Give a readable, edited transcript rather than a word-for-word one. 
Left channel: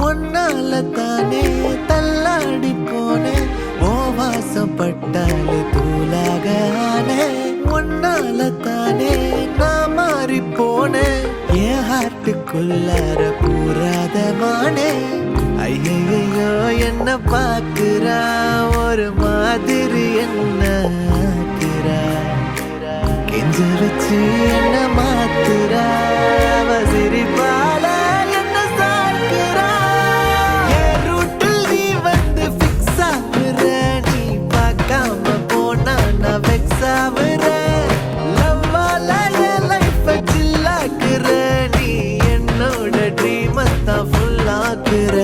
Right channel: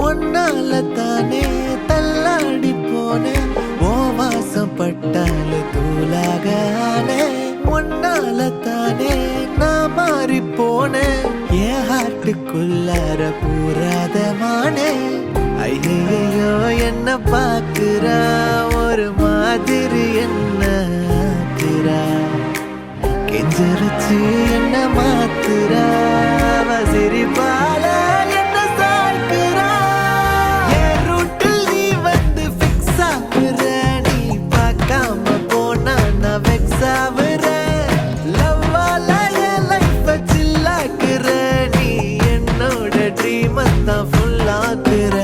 ஒன்னால தானே தள்ளாடி போனேன் ஓ வாசம் பட்டாலே தூளாக ஆனே ஒன்னால தானே நான் மாறி போனேன் என் ஹார்ட்டுக்குள்ளார பூராத மானே ஐயையோ என்ன பாக்குறா ஒரு மாதிரி என்ன ஆக்குறா கெஞ்சரிச்சு என்ன மாத்துறா அவ சிரிப்பால என்ன சாய்க்கிறா என் ரூட்டில் நீ வந்து ஃபிக்ஸ் ஆகுற நீ பார்க்காம போனா நான் வெக்ஸ் ஆகுற லவ்வால என் லைஃப சில்லாக்குற நீ என்னோட ட்ரீம் தான் ஃபுல் ஆக்குற